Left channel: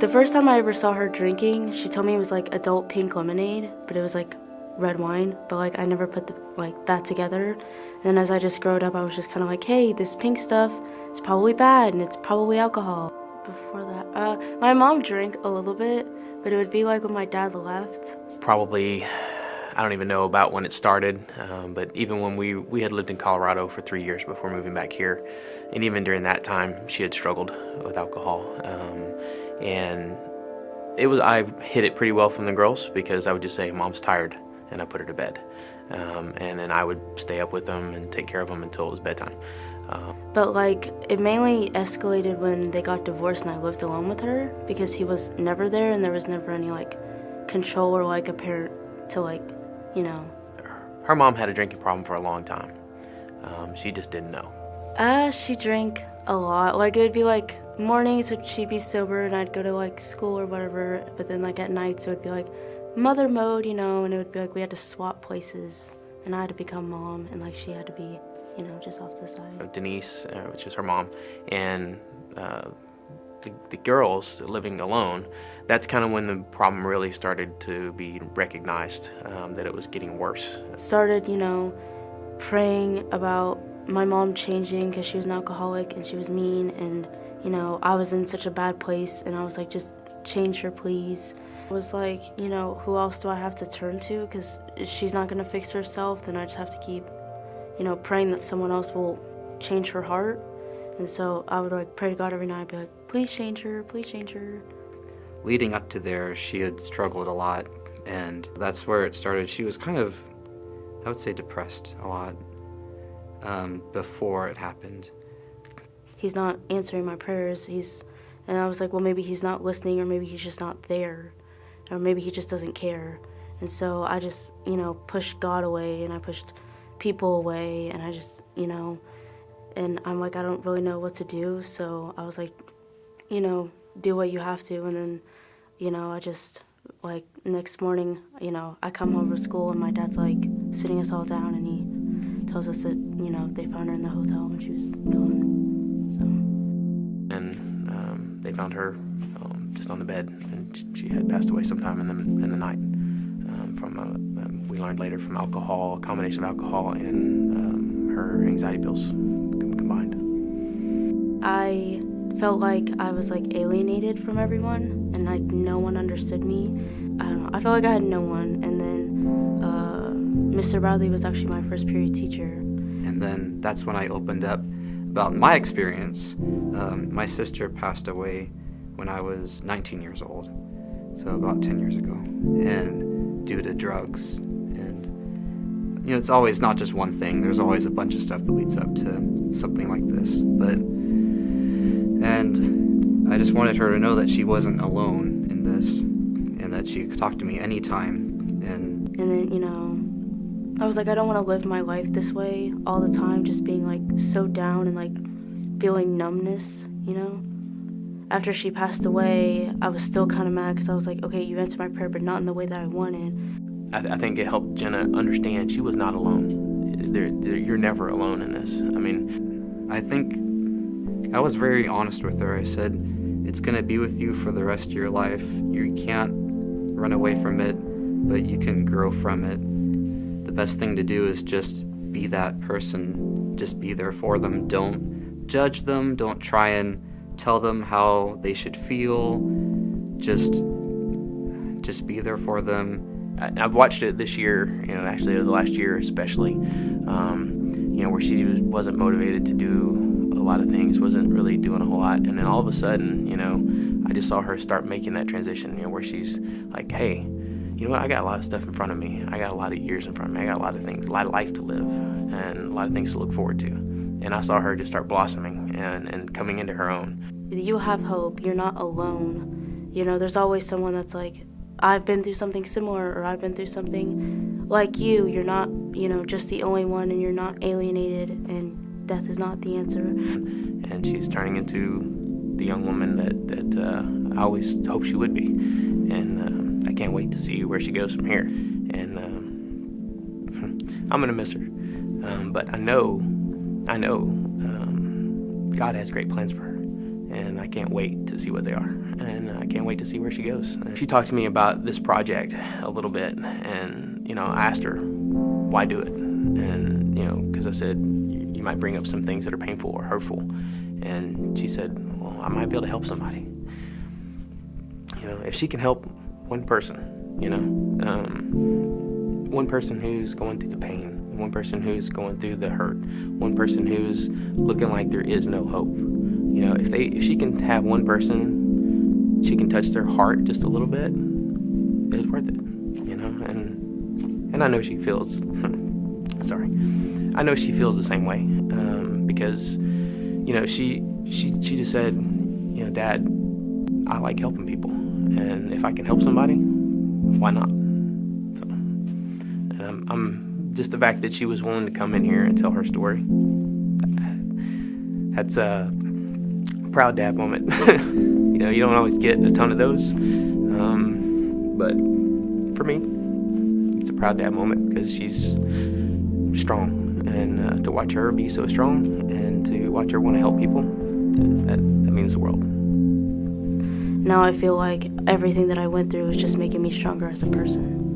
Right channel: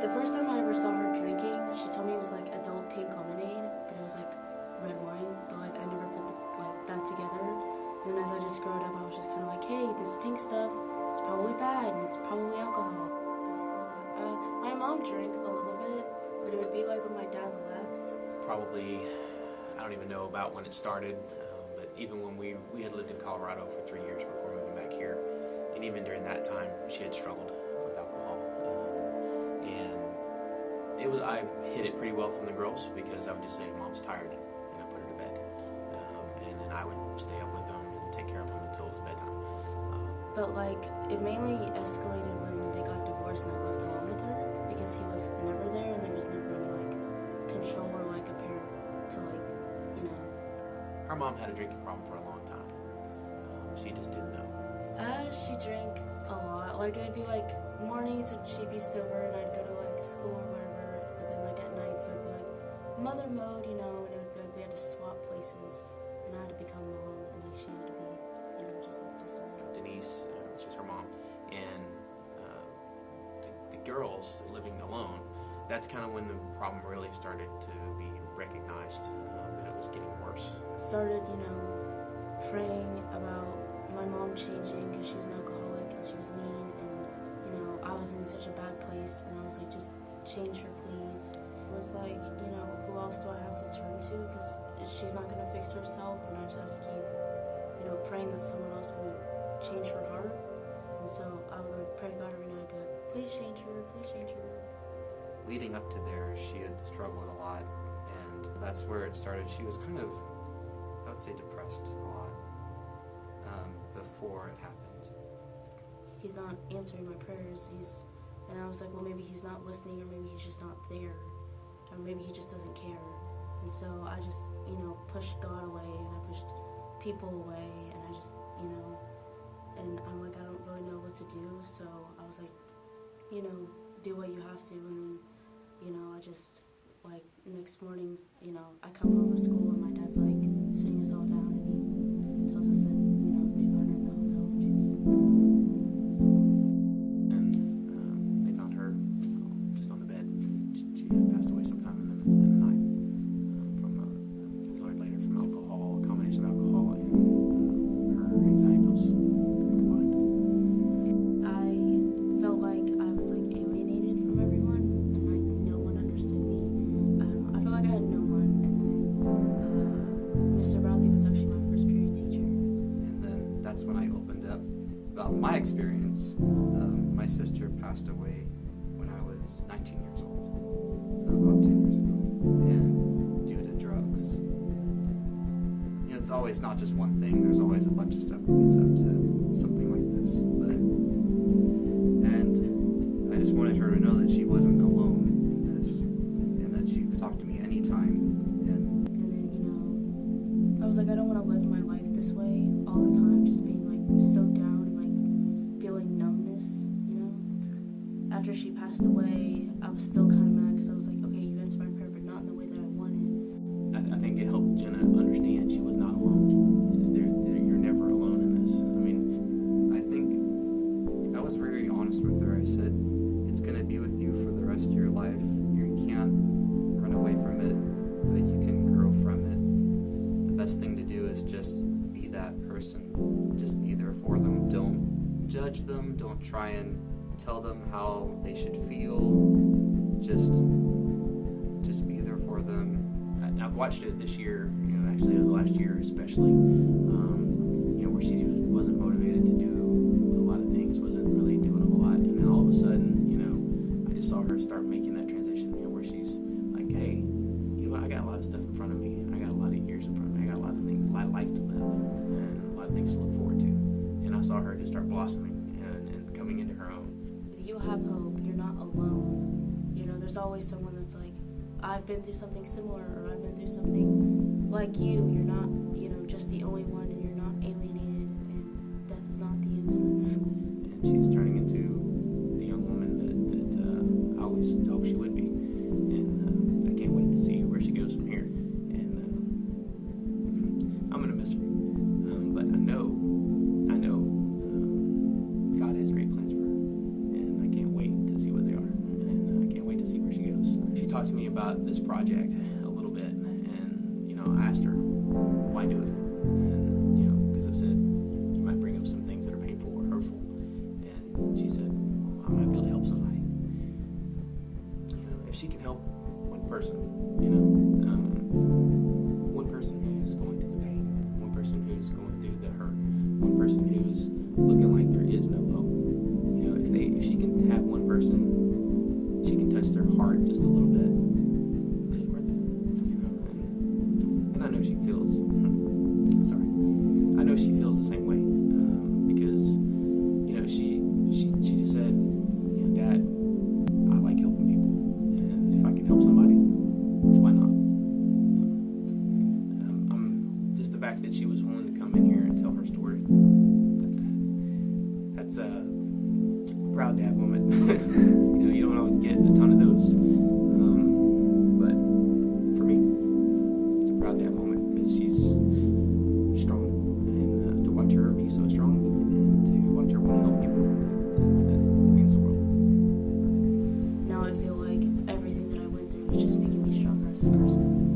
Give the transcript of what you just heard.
The first time I ever saw her drinking, she told me it was like adult pink lemonade, but it was like red wine, but like I never put that together. And then as I just growed up, I was just kind of like, hey, this pink stuff is probably bad and it's probably alcohol. Before that, my mom drank a little bit, but it would be like when my dad left. Probably, I don't even know about when it started, but even when we had lived in Colorado for 3 years before moving back here, and even during that time, she had struggled with alcohol. And I hid it pretty well from the girls because I would just say, Mom's tired, and I put her to bed. And then I would stay up with them and take care of them until it was bedtime. But like, it mainly escalated when they got divorced and I lived alone with her because he was never there and there was never any like control or like a parent to like, you know. Her mom had a drinking problem for a long time. She just didn't know. She drank a lot. Like, it would be like mornings she'd be sober and I'd go to like school or whatever, but then like at nights it would be like mother mode, you know, and it would be like we had to swap places and I had to become mom and like she had to be, you know, just off to the side. Denise, which is her mom, and the girls living alone, that's kind of when the problem really started to be recognized, that it was getting worse. Started, you know, praying about my mom changing because she was an alcoholic and she was mean and, you know, I was in such a bad place and I was like, just change her, please. It was like, you know, who else do I have to turn to? Because if she's not going to fix herself, then I just have to keep, you know, praying that someone else will change her heart. And so I would like pray to God every night, be like, please change her, please change her. Leading up to there, she had struggled a lot, and that's where it started. She was kind of, I would say, depressed a lot before it happened. He's not answering my prayers. And I was like, well, maybe he's not listening, or maybe he's just not there, or maybe he just doesn't care. And so I just, you know, pushed God away, and I pushed people away, and I just, you know, and I'm like, I don't really know what to do. So I was like, you know, do what you have to. And then, you know, I just, like, next morning, you know, I come home from school and my dad's like sitting us all down and he tells us that, you know, they found her in the hotel when she was gone. So. And they found her just on the bed, and she had passed away sometime in the night. We learned later from alcohol, a combination of alcohol and her anxiety pills combined. I felt like I was like alienated from everyone and like no one understood me. I don't know, I felt like I had no one. And then Mr. Bradley was actually my first period teacher. And then that's when I opened up about my experience. My sister passed away when I was 19 years old, so about 10 years ago, and due to drugs. And you know, it's always not just one thing. There's always a bunch of stuff that leads up to something like this. And I just wanted her to know that she wasn't alone in this, and that she could talk to me anytime. And then, you know, I was like, I don't want to live my life this way all the time, just being like so down and like feeling numbness, you know. After she passed away, I was still kind of mad because I was like, okay, you answered my prayer, but not in the way that I wanted. I think it helped Jenna understand she was not alone. You're never alone in this. I mean, I think I was very honest with her. I said, it's going to be with you for the rest of your life. You can't run away from it, but you can grow from it. The best thing to do is just be that person. Just be there for them. Don't judge them. Don't try and tell them how they should feel. Just be there for them. I've watched it this year, you know, actually the last year especially, you know, where she wasn't motivated to do a lot of things, wasn't really doing a whole lot, and then all of a sudden, you know, I just saw her start making that transition, you know, where she's like, hey, you know what, I got a lot of stuff in front of me, I got a lot of years in front of me, I got a lot of things, a lot of life to live, and a lot of things to look forward to, and I saw her just start blossoming and coming into her own. You have hope, you're not alone, you know, there's always someone that's like, I've been through something similar, or I've been through something like you. You're not, you know, just the only one, and you're not alienated, and death is not the answer. And she's turning into the young woman that I always hoped she would be. And I can't wait to see where she goes from here. And I'm going to miss her. But I know God has great plans for her. and I can't wait to see what they are, and I can't wait to see where she goes. She talked to me about this project a little bit, and I asked her, why do it? And because I said, you might bring up some things that are painful or hurtful, and she said, well, I might be able to help somebody. If she can help one person, one person who's going through the pain, one person who's going through the hurt, one person who's looking like there is no hope. If she can have one person, she can touch their heart just a little bit, it's worth it. And I know she feels sorry. I know she feels the same way, because she just said, Dad, I like helping people, and if I can help somebody, why not? So, I'm just the fact that she was willing to come in here and tell her story. That's a proud dad moment. You don't always get a ton of those, but for me, it's a proud dad moment because she's strong, and to watch her be so strong and to watch her want to help people, that means the world. Now I feel like everything that I went through is just making me stronger as a person.